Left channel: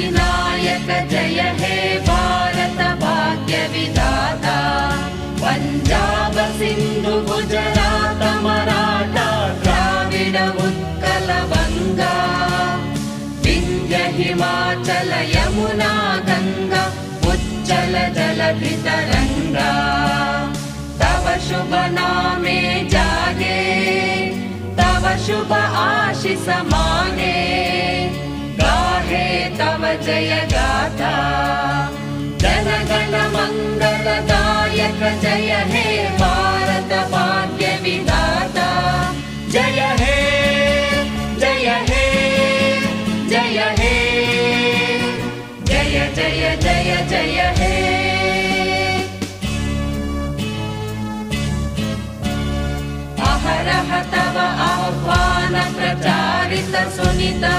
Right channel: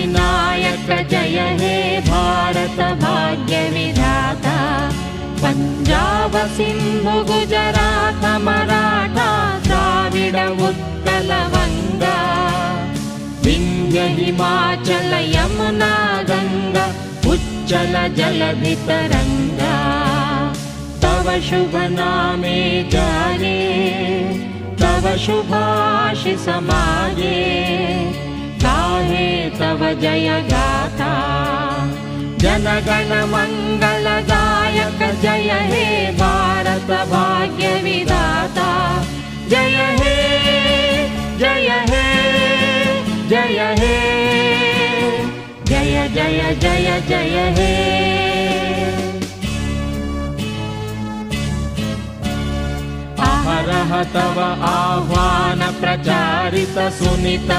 विनायक जय हे भारत भाग्य विधाता पंजाब सिंधु गुजरात मराठा द्राविड उत्कल बंगा विंध्य हिमाचल यमुना गंगा उच्चल जलधि तरंगा तव शुभ नामे जाने तव शुभ आशीष माने गाहे तव जय